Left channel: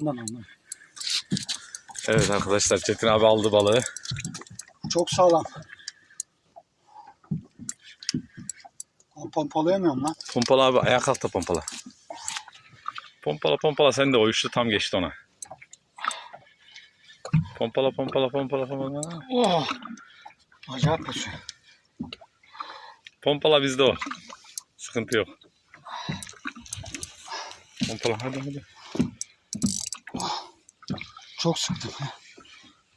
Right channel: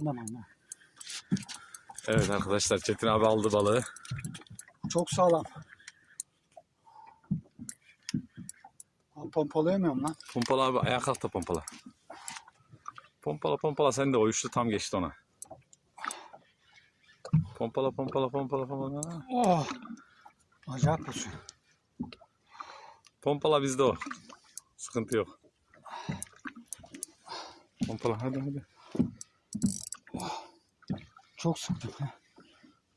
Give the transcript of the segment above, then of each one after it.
Ondan ondan. Evet arkadaşlar Çetin abi aldı balığı. Çok sağlam. Lan Pompalayamıyorum lan. Pompala abi ayak kalk da pompala. Pompala pompala sen de o üçlü tam geçti ona. Pompala pompala pompala pompala. Oh. Acayip basıyor. Pompala bizde o. Sıkıntı yok. Pompala hadi hadi. Çok sıktım.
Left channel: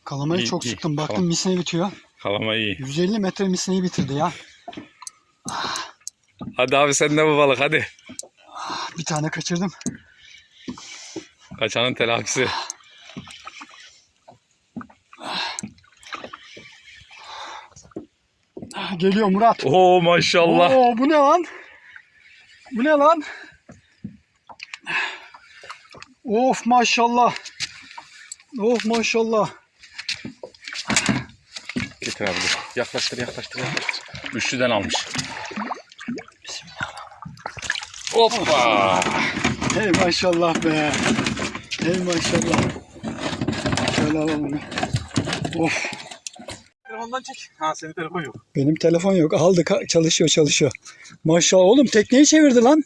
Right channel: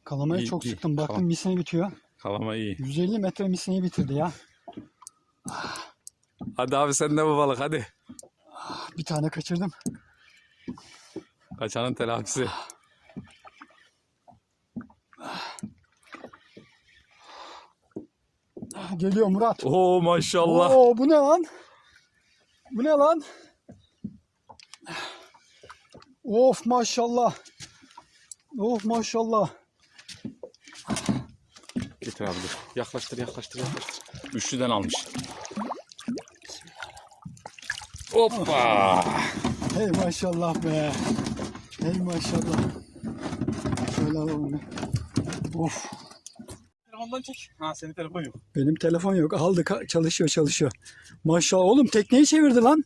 Kalamayı İyi, çok iyi. sıktım. Baktım Tamam. misine bitiyor. Kalama iyi. 150 metre misineyi bitirdi ya. Hadi abi sen de bu balık hadi. Bir tane kaçırdım. Kaçanın telafisi. Geliyor Murat. Oo maşallah. Oo, bu ne lan? Bu ne lan? Of maşallah. Of maşallah. Getir abi dur. Yaklaştır yaklaştır yaklaştır. Üçlüden almış. Hoppa. Hey maşallah be. Hey maşallah. Şöyle alalım onu. Of. Telefondan çek. Ha senin telefon yok. Benim telefon yok. Aldı ka- çalışıyor çalışıyor. Maşallah oğlum tekneyi çevirdi lan.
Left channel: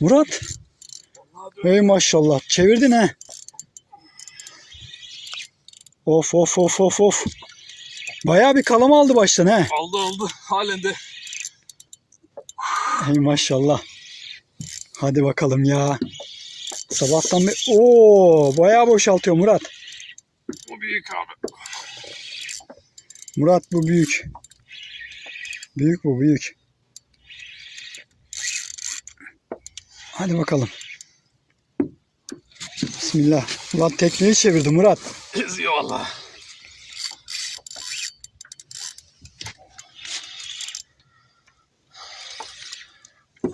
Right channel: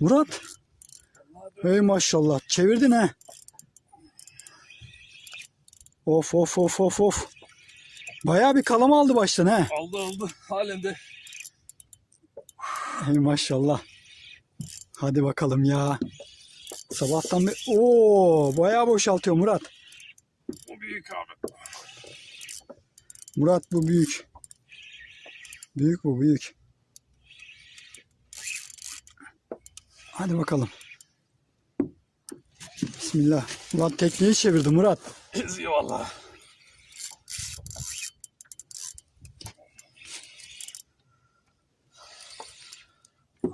Murat. Hey maşallah. Çevirdin ha. Of of of of of. Bayağı bir kalama aldı baştan he. Aldı aldı. Halen de. Hey maşallah. Hadi bakalım ya. Sabahtan bir... Oo, bayağı boşaltıyor Murat. Bu büyük abi. Murat bu büyük. Büyük bu büyük. Hadi bakalım. Bismillah. Ulan tekneyi çevirdi Murat. Eziyor valla.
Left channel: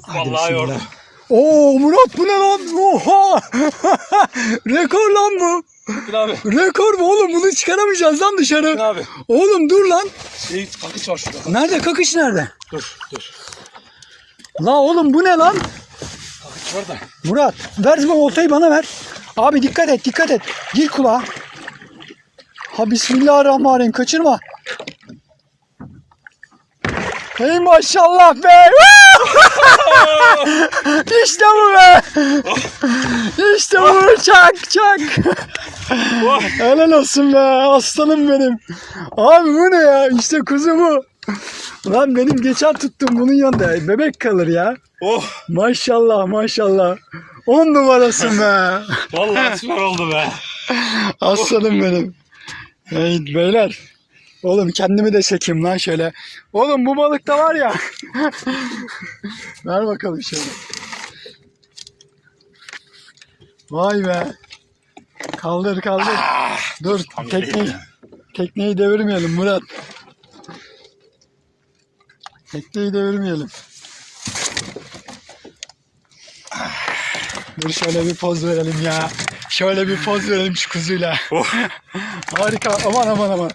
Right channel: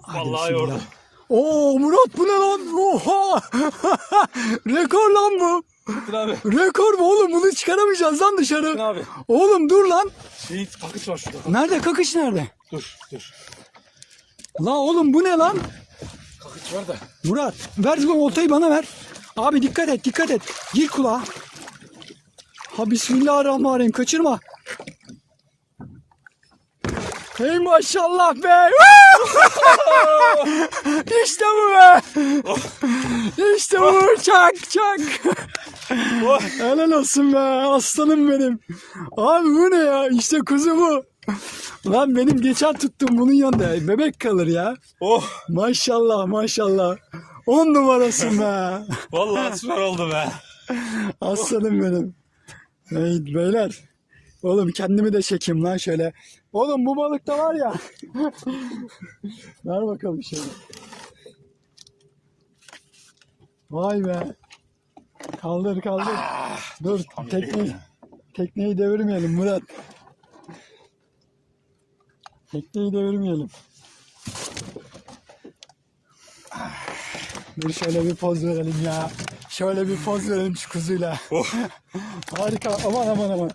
Hadi Vallahi bismillah. yordu. Oo Murat bu ne lan? Oha! Rekor lan bu. Abi. Rekor bu oğlum bunu çıkaramayacağız lan dışarı. Çetin abi. Oğlum dur lan. Şey, kakış var şurada. Nerede kakış nerede? Dur dur. La oğlum bu ne lan? Kakış var da. Murat ver bu oltayı bana ver. Abi dikkat et dikkat et. Gir kulağa. Ha bismillahirrahmanirrahim kaçırma. Hey maşallah be. işte bu be. işte bu çak çak. Helal olsun be aslanım benim. Abi bu ne ya İşte kuzu bu. Lan benim geçen tuttum bunun yanında bebek kalır ya. Oh. Maşallah maşallah. On numarasın be. Vallahi süper oldu be. Aslanım benim. Hey beyler. Oğlum kendimi de çekeyim lan şöyle. Oğlum bu balık da var ya. Ver bakalım şöyle. Vay be. Kaldır kaldır. Dur tam tekneyi, tekneyi devirmeyelim Murat. Tekneyi devirmeyelim. Dur şöyle bir poz verelim ya. Şöyle bir poz verelim şu kuzuyla. Harika. Aman aman aman.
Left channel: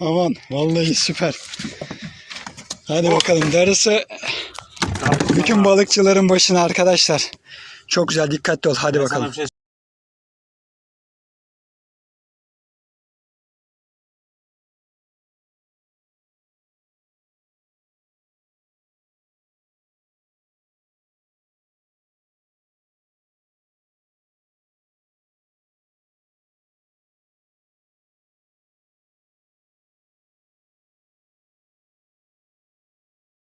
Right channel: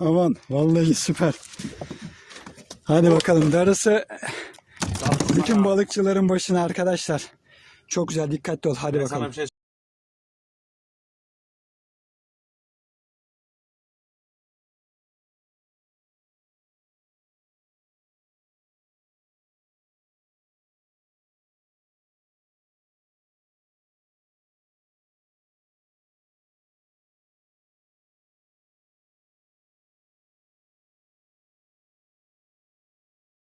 Aman. Vallahi süper. Hadi bakalım. Darısı bütün balıkçıların başına arkadaşlar. Çok güzel. Dikkatli ol. Hadi bakalım.